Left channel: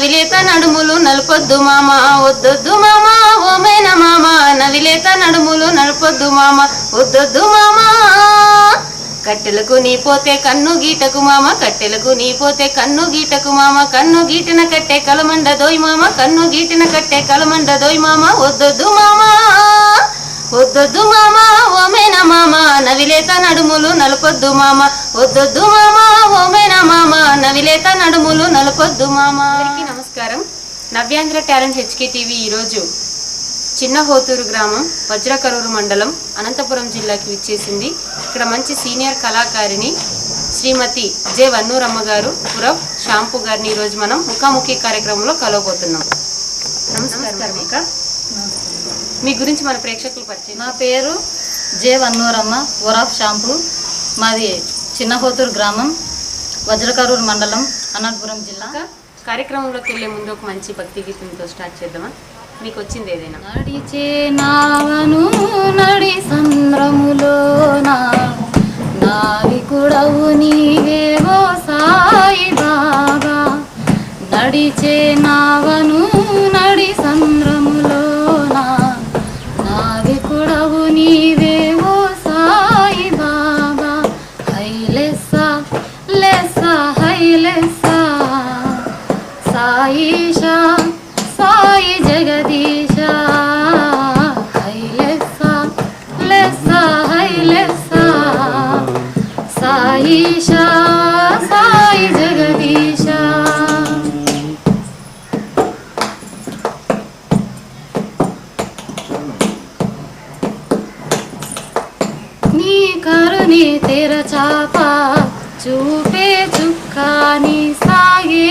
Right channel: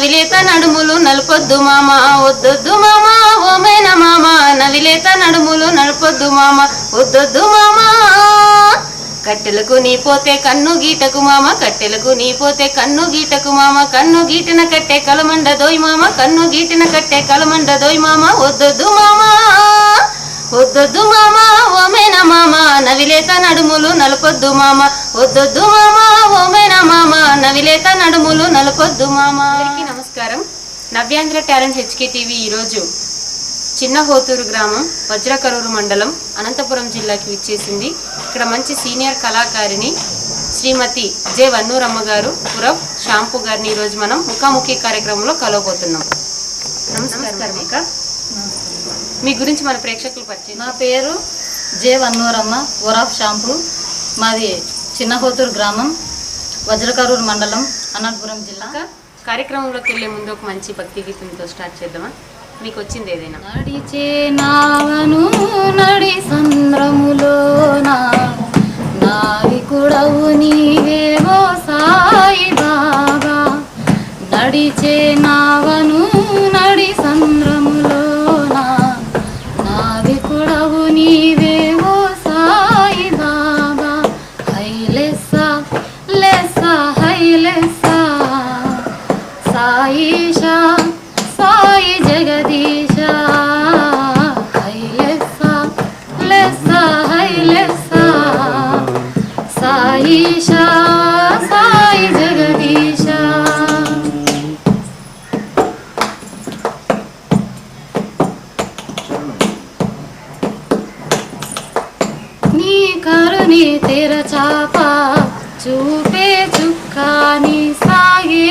నవిలేత నడుములు నలుపొద్దు మామ వద్దొద్దు మామ ఓమైన మామ. నవిలేత నడుములు నలపొద్దు మామ వద్దొద్దు మామ. కట్టెలకు నీ పోతే కన్ను గీటకు మామ కట్టెలకు నీ పోతే కన్ను గీటకు మామ. కన్ను గీటిన కట్టె కలమండ దోయ్ మామ కన్ను గీటిన కట్టె కలమండ దోయ్ మామ. వద్దొద్దు మామ వద్దొద్దు మామ. ఓమే మామ నవిలేత నడుములు నలుపొద్దు మామ. వద్దొద్దు మామ ఓమేన మామ నవిలేత నడుములు నలుపొద్దు మామ. అందరికీ నమస్కారం. నవ్యాంధ్ర టాలెంట్ హెచ్కే టీవీ ఈరోజు చిన్న హోతూరు గ్రామం వజ్రకరూరు మండలం అనంతపురం జిల్లాకి విచ్చేసింది. ఇక్కడ మంచి సీనియర్ కళాకారిణి శ్రీమతి జె వన్నూరమ్మ గారు పురవ్ షాంపు గారిని ఈరోజు మనం ముఖాముఖి కార్యక్రమంలో కలవబోతున్నాం. నమస్కారం అక్క. మీ గురించి మన ప్రేక్షకులు పరిచయం నా పేరు జే వన్నూరమ్మ ఓరాఫ్ షాంపూ మాది చిన్నహోతూరు గ్రామం వజ్రకరూరు మండలం అనంతపురం జిల్లా. కార్యక్రమంలోకి వెళ్ళే ముందు ఒక మంచి భక్తి గీతంతో స్టార్ట్ చేద్దామా? మీకు వచ్చింది ఏదైనా? నడిచే నావను సాయిష సాయి జగదీశ హైలెస్స లెస్స హైలెస్స సాయిష సాయి జగదీశ నీ కరుణి తెర చాప చూపే చుక్కాని సాగే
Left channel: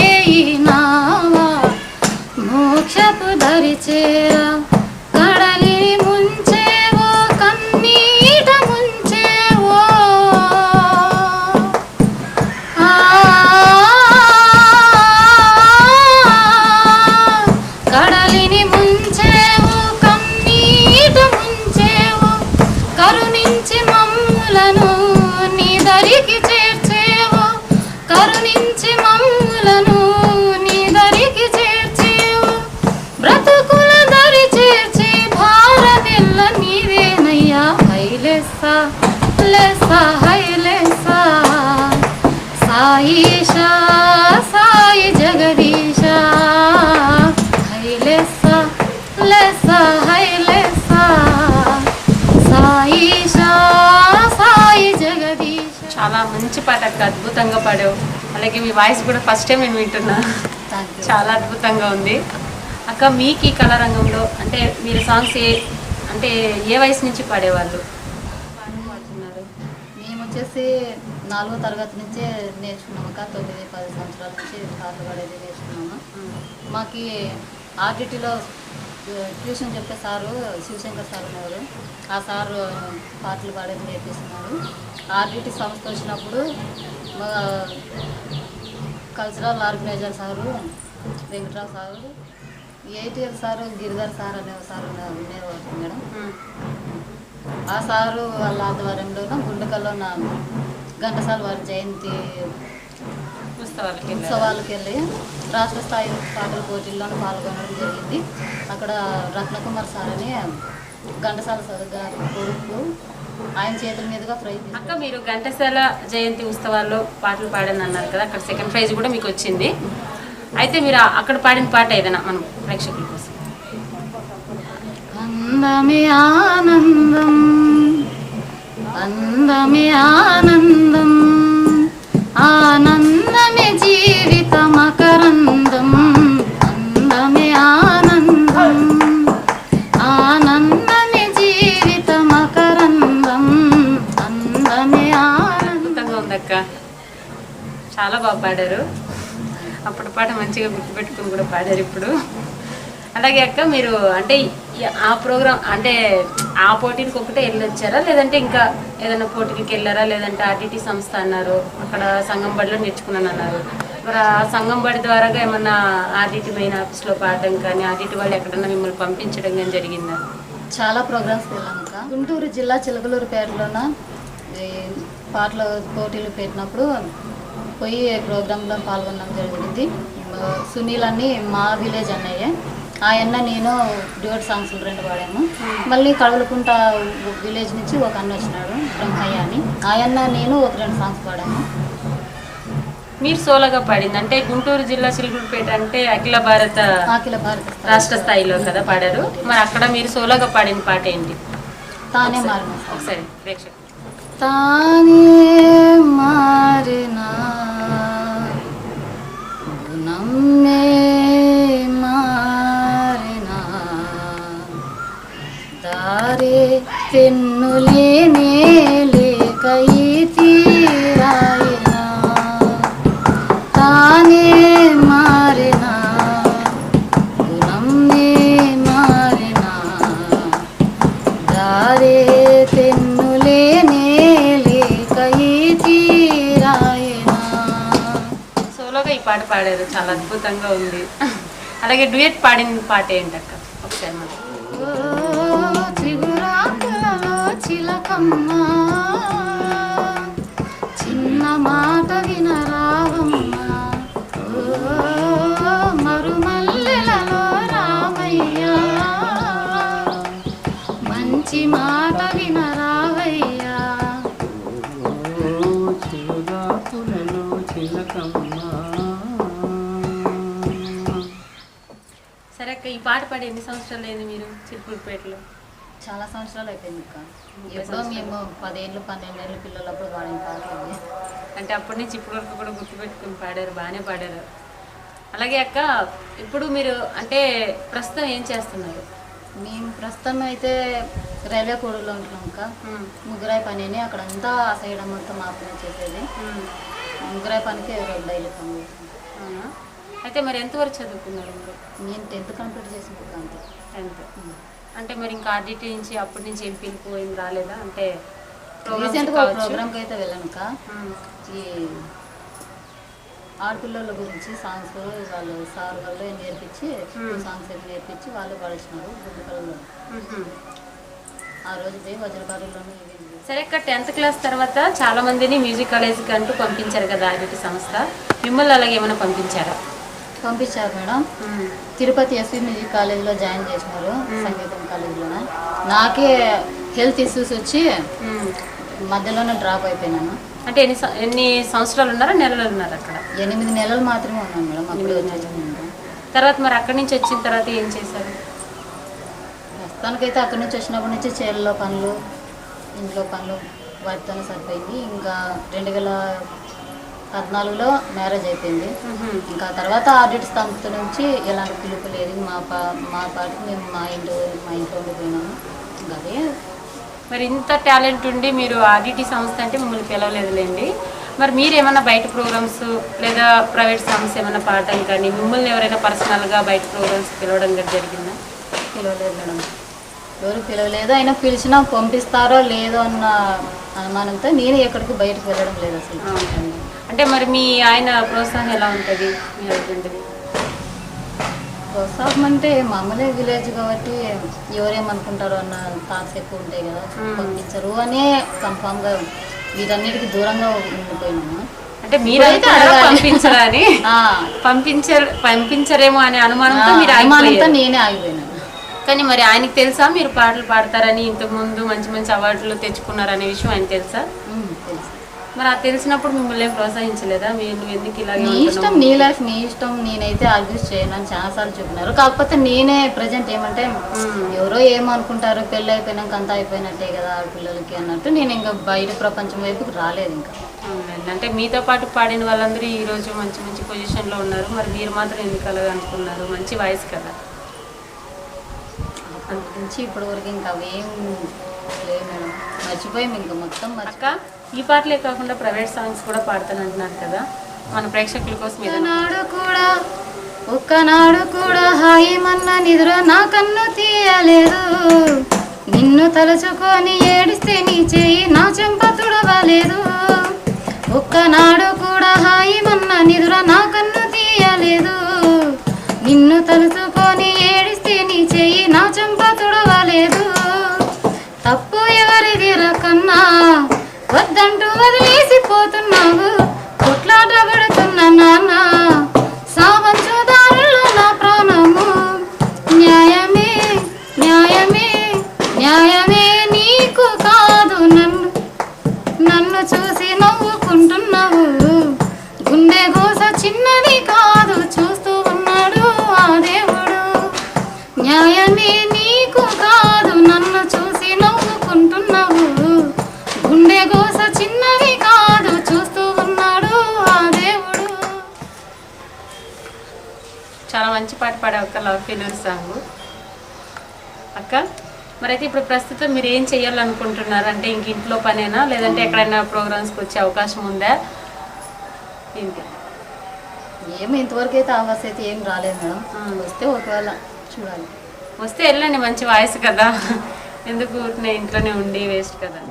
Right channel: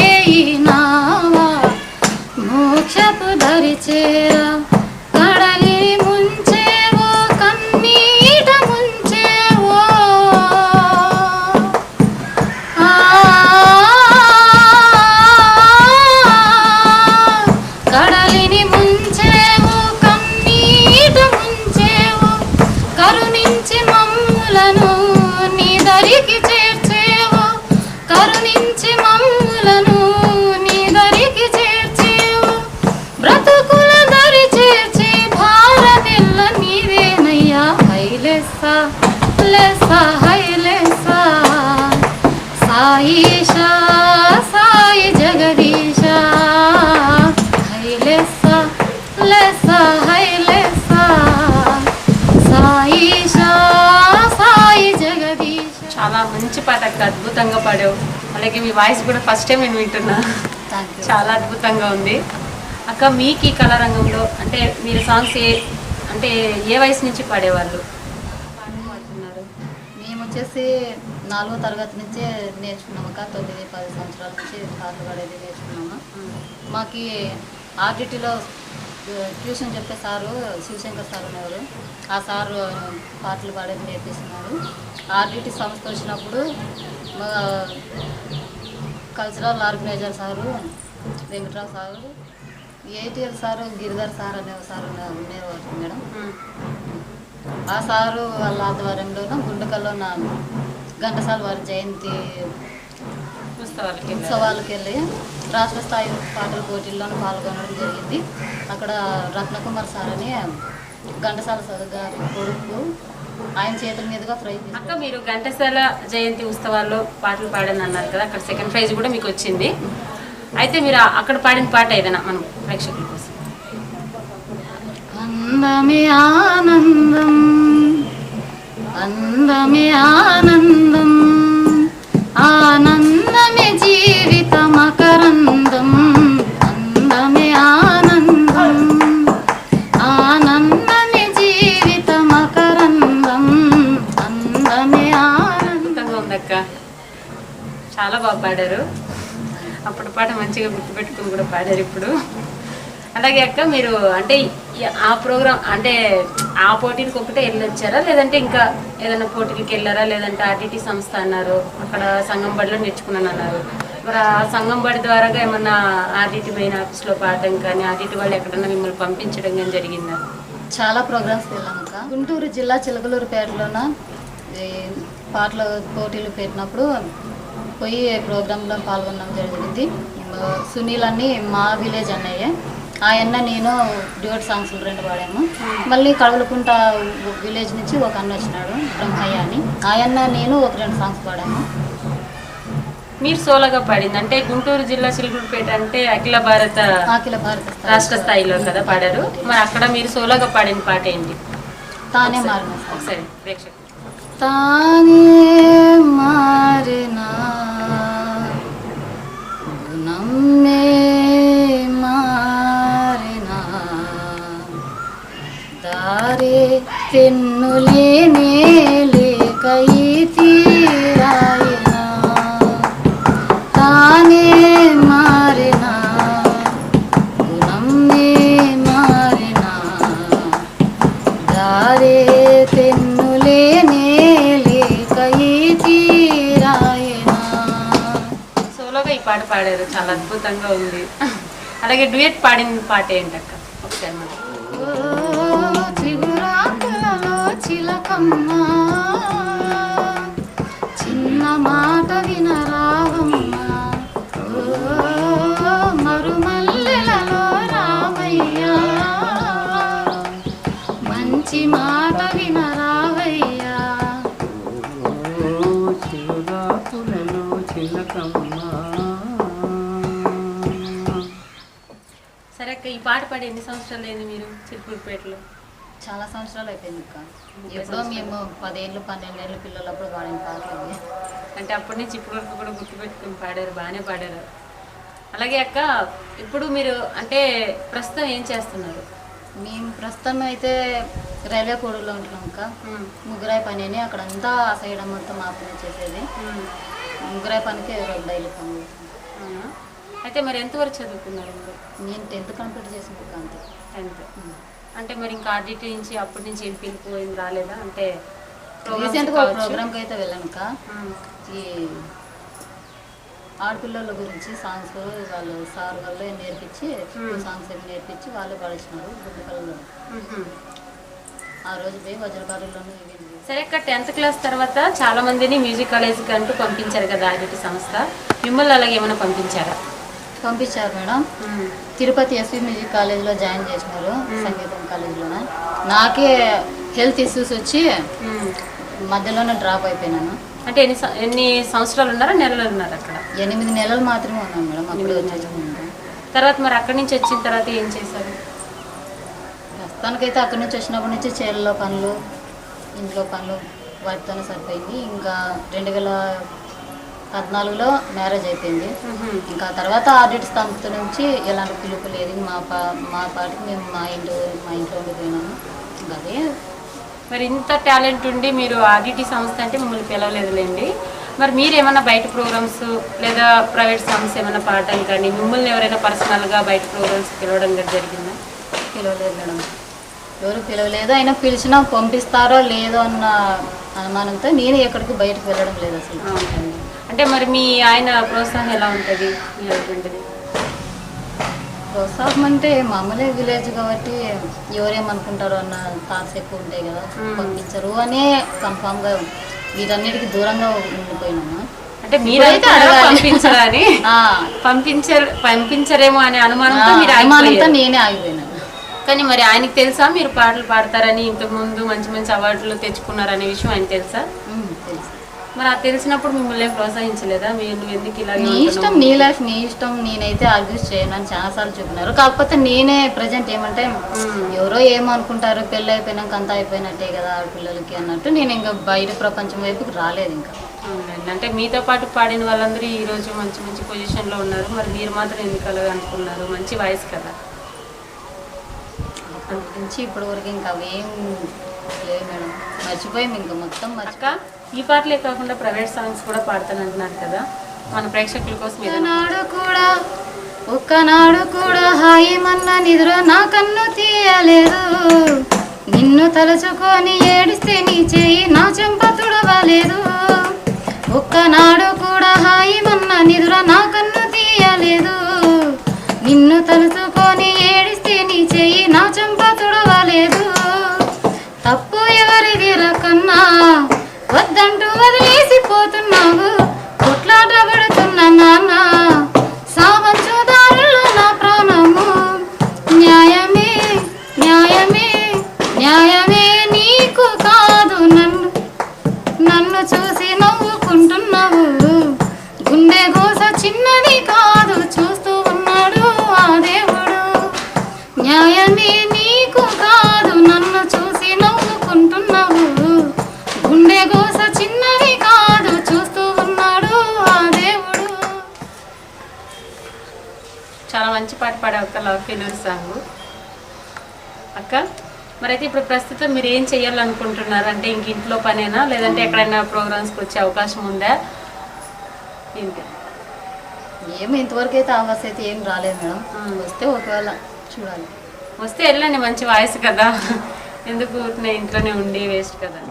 харитера. అక్క అద్భుతంగా పాడావు. అలాగే మీ వాయిస్ కూడా ఫస్ట్ టైం నేను వింటున్నా. చాలా అద్భుతంగా ఉంది. అక్క మీకు ఈ కళారంగంలో అంటే మీరు సాంగ్స్ ఏ అంటే ఏ వయసు నుంచి పాడేవాళ్ళు? పాడుతున్నారు. మేము వచ్చేసి నాలుగో తరగతి నుంచే నేర్చుకున్నాము అక్క. తొమ్మిది పది సంవత్సరాల నుంచి పాటలు పాడేది నేర్చుకున్నాము. మాకి ఆర్డిటీలో ట్యూషన్ చెప్పే సారు శివశంకర్ సార్ అనేవారు ఆ సారు పాటలు పాడేది నేర్పిస్తున్నాడు ఆర్డిటీ సంస్థ వచ్చినప్పుడు మా cultural organiser sir Venkatrao sir ATL sir Giridhar sir అనే సార్ ఉన్నారు- ఉండేవారు మేడం. ఆ సారు వాళ్ళ ఆధ్వర్యంలోన గుండకల్లోన ఘంటసాల వారి జయంతి ఉత్సవాలకి? ఉత్సవాలకు వెళ్ళి రాష్ట్ర స్థాయి పాటల పోటీల్లోనూ పాల్గొనడం జరిగింది. అక్కడ రత్నకుమార్ సార్ అని ఘంటసాల గారి కొడుకు ఆయన చేతుల మీదుగా ప్రైజ్ అక్క మీరు ఘంటసాల జయంతి ఉత్సవాల్లో పాటలు పాడని అన్నారు కదా అక్కడ సెకండ్ ప్రైజ్ కూడా మీకు వచ్చింది. అయితే మీరు అక్కడ పాడిన పాట ఏదైనా మనం ప్రేక్షకుల కోసం? అందమే ఆనందం అందమే ఆనందం ఆనందమే బాగా పాడారు. అప్పుడు పాట మంచిగా గుర్తుపెట్టుకుని కూడా పాడారు ఇప్పుడు. అలాగే అక్క మీరు అంటే ఆ ప్రోగ్రామ్ అంటే ఆ పోటీలకు ఒకటే వెళ్ళొచ్చారా? లేదంటే ఇంకా ఏదైనా పోటీలకు వెళ్ళారా? లేదంటే ఆర్టీటీ సంస్థ అన్నారు అక్కడ సంఘం బడిలో నేర్చుకున్నాను అన్నారు. మరి ఆ సంఘం బడి ద్వారా ఏమన్నా ఆర్టీటీ మెయిన్ ఆఫీస్లో పాడడం కానీ ఆర్టీటీ వాళ్ళు ఎక్కడన్నా మిమ్మల్ని పంపించడం కానీ జరిగిందా? చాలా ప్రోగ్రామ్స్ వెళ్ళామక్క గుంటూరు జిల్లా చిలకలూరుపేటలోన ఈ పాటల పోటీలు పెట్టినప్పుడు పోయి ప్రోగ్రాంలో పాల్గొనడం జరిగింది. సునీల్ అని మా విలేజ్ అన్నయ్య. ఆయన నేను డ్యూట్ సాంగ్స్ రెండు పాడాము. మళ్ళీ కడవలకుంట విలేజ్ నుంచి ఒక అన్న వచ్చినాడు బ్రహ్మయ్య అని. ఆయన నేను ఒక రెండు సాంగ్స్ పాడాము. మీరు సోలోగా పాడింది. అంటే గుంటూరు జిల్లా చిలుగురుపేట అంటే అఖిల భారత అఖిల భారత రాష్ట్ర స్థాయిలో కదా పాడారు. మరి అక్కడ మీరు సోలోగా పాడిన పాట ఏంటి? తానే మారిన. ఒకసారి ప్రేక్షకులు. తానే మారినా దారే తెన్నులేనే లేక ఈ తీరాయనా సోలోగా ఈ పాట పాడారు. చాలా అద్భుతంగా ఉంది. అలాగే డ్యూయట్ పాడిన పాట ఏంటక్క? ఒకసారి ఓ చిగురాకులలో చిలకమ్మ. పాడి ఎన్ని సంవత్సరాలు అయింది మీరు చిలుకూరుపేటలో చాలా సంవత్సరాలు అయిపోయింది అక్క. ఎప్పుడో మేము పదేళ్ళు పన్నెండేళ్ళు పిల్లలప్పుడు వాడిన పాటలు. అంటే అప్పటి నుంచి ఇప్పటి వరకు కూడా గుర్తుపెట్టుకుని పాడారు బాగానే పాడారు. అలాగే అక్క ఇప్పుడు మీరు అంటే ప్రస్తుతం ఏం చేస్తున్నారు? మేము ప్రస్తుతం అయితే రైల్వే కోడూరులో ఉంటున్నాం అక్క. ముగ్గురాయి పని అని అక్కడ అంతా సైడ్ మొత్తం మా పని చేసేది ముగ్గురాయి పనికి డైలీ పని? అయితే మరి ఎంతవరకు చదువుకున్నారు మీరు? నేను టెన్త్ కంప్లీట్ చేసిన బుక్ అంతే. టెన్త్. అంటే మరి ఇంకా ఆర్డిటీ నుంచి అప్పటి నుంచి ఏం పిలుపు ఏం రాలేదా? అంటే రీసెంట్గా. ప్రోగ్రామ్కి అయితే వెళ్ళాను ఈ ఆడపిల్లల గురించి సాంగ్స్ వాళ్ళు సార్ వాళ్ళు నేర్పించి సాంగ్స్ ఏమి నేర్పించి వాళ్ళు పాడించినారు గుడ్డు కళలో ఉహుం. ఆ రోజు పోయి వజ్రకారుల్లోనూ సరే అక్క టెన్త్ క్లాస్ తర్వాత చాలా మందిని మ్యూజిక్ కాలేజీకి అంటూ పంపించారు కదా ఆర్డిటీ సంస్థ. మిమ్మల్ని అలాగే ఏమైనా పంపించారా? పంపించారు మేడం. తిరుపతి ఎస్వి మ్యూజిక్ కాలేజ్లో జాయిన్ చేసినారు సంగీతం కాలేజీలోనే. నాకే హెల్త్ ఇష్యూస్ వచ్చి. మధ్యలోనే డ్రాప్ అయిపోయినాను. అంటే ఎన్ని ఎన్ని సంవత్సరాలు ఉన్నారా నెలలు ఉన్నారు అక్కడ? ఎనిమిది నెలలు మాత్రమే ఉన్నాను మేడం అప్పుడు తర్వాత మరి అక్కడి నుంచి వచ్చిన తర్వాత ఏం చేశారు? ప్రస్తుతానికైతే అక్కడి నుంచి వచ్చినప్పటి నుంచి చేలలో పనులు ఇంట్లో పనులు వాటితోనే సరిపోయింది. ఇంకా రెండు వేల పద్నాలుగులో మ్యారేజ్ అయిపోయింది. ఇంకా తర్వాత ఆడిట్ సంస్థ నుంచి ఎలాంటి పిలుపు లేదు. మా పా మా పాటికి మేము మా ఇంట్లో మా ఇంట్లో ఉండిపోయినాము. ఇంకా అదే. మరి ఇంత టాలెంట్ ఉండి మీరు ఆర్డిటీ సంస్థ అంటే మిమ్మల్ని పిలవలేదులేండి. మరి మీరు ఏమైనా బయట ప్రోగ్రామ్స్ లేదా ప్రైవేట్ సంస్థ ఏమైనా పాడటం కానీ మిమ్మల్ని ఎవరైనా పర్సనల్గా బయట ప్రోగ్రామ్స్ పిలవడం కానీ జరిగిందా? పిలవలేదు మేడం. ఎవరు పిలవలేదు. అయినా పిలిచినా పంపిస్తారో లేదో అన్న అనుమానంతో నేను ఎక్కడికి బయటకు వెళ్ళడం లేదు అసలు. అవునండి. అంటే మరి మీ ఆయన ప్రోత్సాహం ఎలా ఉంటుంది? మీ హస్బెండ్ది ప్రోత్సాహం అంటే మామూలే విలేజ్ కాబట్టి ఎవరేమనుకుంటారో అన్న థాట్స్ ఎక్కువ ఉంటాయి కదా. పంపించరు అనే కన్ఫామ్గా వీటన్నిటికి దూరంగా ఉండిపోయినాము. అంటే మీరు ఇప్పుడైతే అనుకున్నారా అడగాలి. పంపించరా పంపించరేమో అనే అనుమానంతో మీరు అనుమానంతో. నేనే ఆగిపోయినాను కానీ మరి ఆయనకి తెలుసా మీరు పాటలు పాడతారని ఇంతకు ముందు మంచి మంచి అవార్డులు తెచ్చుకున్నారనే విషయం ఆయన తెలుసు? మరి అది తెలిసినప్పుడు మిమ్మల్ని ప్రోత్సహించలేదా? మీరు ఎందుకు ఇలాగే నీ ఇష్టం? నీ లైఫ్ నీ ఇష్టం నేనైతే ఆర్గ్యూస్ చేయను అని చాలాసార్లు చెప్పినారు. కాకపోతే నేనే ప్రజెంట్ ఏమంటే. ఎవరో ఏమనుకుంటారు పెళ్ళి అయిపోయినాక అంతా అయిపోయినట్టే కదా ఆడపిల్లలకి అన్నట్టు నేను ఇంకా బయట ప్రపంచం వైపుకి రాలేదు ఇంకా. అంటే మీతో పాటు పాడిన వాళ్ళందరూ ఈ రోజు మంచి మంచి పొజిషన్లో ఉన్నారు. మరి మీరు మాత్రం ఎందుకు అలాగే అనుకున్నారు? మంచి వాయిస్ కదా. అప్పటి నుంచి ఇప్పటి వరకు ఇంకా అవేం లేవు మేడం. మర్చిపోయాం ఇంకా మొత్తం మర్చి అక్క ఈ పాటలే కాకుండా ప్రైవేట్ సాంగ్స్ కూడా పాడతానంటున్నారు కదా. మన ప్రేక్షకుల కోసం ఏదైనా ఒక్కనాడు కూడా ఒక్కనాడు కూడా హాయి మన్న నిద్ర నా కన్ను తీయలేదు. నిన్ను తలుచుకొని ఏడిస్తే నీ చెయ్యి నా చెంప తుడవలేదు. ఒక్కనాడు కూడా హాయి మన్న నిద్ర నా కన్ను తీయలేదు. నిన్ను తలుచుకొని ఏడిస్తే నీ చెయ్యి నా చెంప తుడవలేదు. తప్పు ఎవరిది కన్నా? వద్దంటూ వదిలేసిపోతున్నావు. కొట్లాట పడుతున్నా నాన్న. మంచి పాట పాడే అక్క లవ్ ఫెయిల్యూర్ సాంగ్. అక్క మరైతే ఇప్పుడు ప్రస్తుతం మీరు ఏం చేయాలనుకుంటున్నారు అంటే ఇంక ఇంట్లో పనేనా? లేదంటే ఎక్కడైనా ప్రోగ్రామ్స్కి వచ్చే అవకాశం ఉందా? ఏంటి? ఏమి ఇంతవరకు అయితే అవకాశం అయితే ఏం రాలేదు మేడం. వస్తే ఒకవేళ చూడాలి. వస్తే వెళ్ళండి మంచి వాయిస్ కదా. ఎందుకు ఇంట్లోనే ఉండి వేస్ట్ కదా.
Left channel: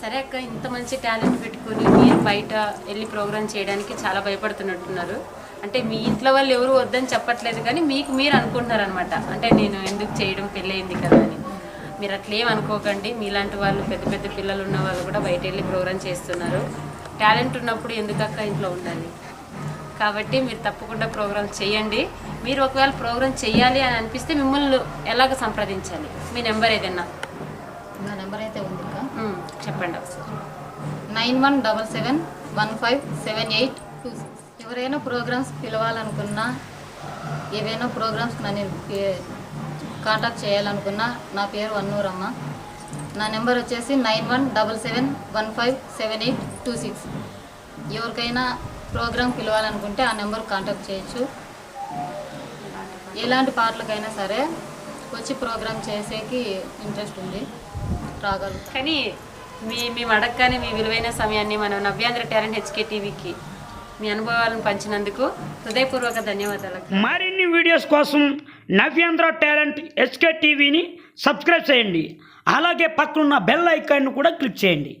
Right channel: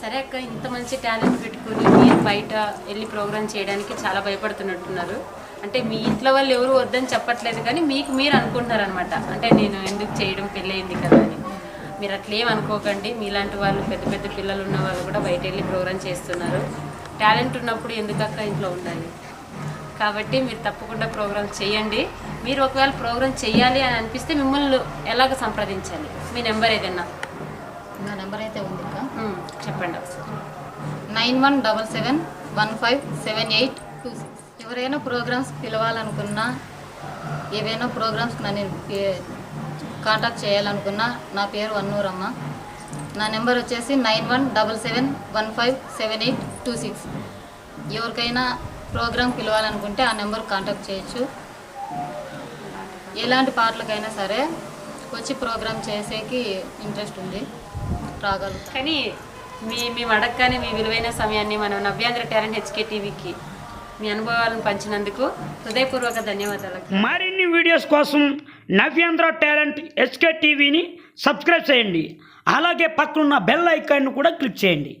సరే అక్క ఇంత మంచి టాలెంట్ పెట్టుకుని మీరు బయట వెళ్ళి ప్రోగ్రామ్ చేయడానికి చాలా భయపడుతున్నట్టున్నారు. అంటే మీ ఇంట్లో వాళ్ళు ఎవరు వద్దని చెప్పట్లేదు కానీ మీకు మీరు అనుకుంటున్నారు అనమాట అంటే నేను ఎందుకు చేయడం పెళ్ళయింది కదా అని. మీరు అట్లేం అనుకోకండి. మీలాంటి వాళ్ళు పెద్ద పెద్ద పిల్లలు ఉన్న వాళ్ళు కూడా బయట వెళ్ళి ప్రోగ్రామ్ చేస్తున్నారు. టాలెంట్ ఉన్నప్పుడు ఎందుకు అక్క ఇంట్లో ఉండాలి? కాబట్టి మీరు తప్పకుండా ప్రోగ్రామ్ చేయండి. మీరు ఒకవేళ ప్రోగ్రామ్ చేయాలి అని అనిపిస్తే మిమ్మల్ని ఎలాగ సంప్రదించాలి? మీ నెంబర్ ఏదైనా నెంబర్ అయితే ఉంది ఇంకా. చెప్పండి ఒకసారి. Nine one double seven one five seven eight two six. ఎవరైనా ప్రోగ్రామ్స్ పిలవాలనుకున్నా ఏవైనా ప్రోగ్రామ్స్కి నన్ను కాంటాక్ట్ చేయాలనుకున్నా నా పేరు వన్నూరమ్మ నా నెంబర్ వచ్చేసి nine one double seven one five seven eight two six. ఎవరికైనా ప్రోగ్రామ్ పిలవాలనుకుంటే ఆ నెంబర్ కాంటాక్ట్ చేయొచ్చు. ఎలాంటి పాటలకైనా సరే వచ్చి ప్రోగ్రామ్ చేసేకి ఇంట్రెస్ట్ ఉంది. రాగలుగుతాం. కానీ మీ మేము అడగగానే మీ విలువైన సమయాన్ని మనం నవ్యాంధ్ర టాలెంట్ హెచ్కే టీవీకి మీ అనుభవాలను పంచినందుకు హృదయపూర్వక ధన్యవాదాలు. మరిన్ని వీడియోస్ కోసం నవ్యాంధ్ర టాలెంట్ హెచ్కే టీవీని సబ్స్క్రైబ్ చేయండి. అలాగే పక్కనున్న బెల్ ఐకాన్ను కూడా క్లిక్ చేయండి.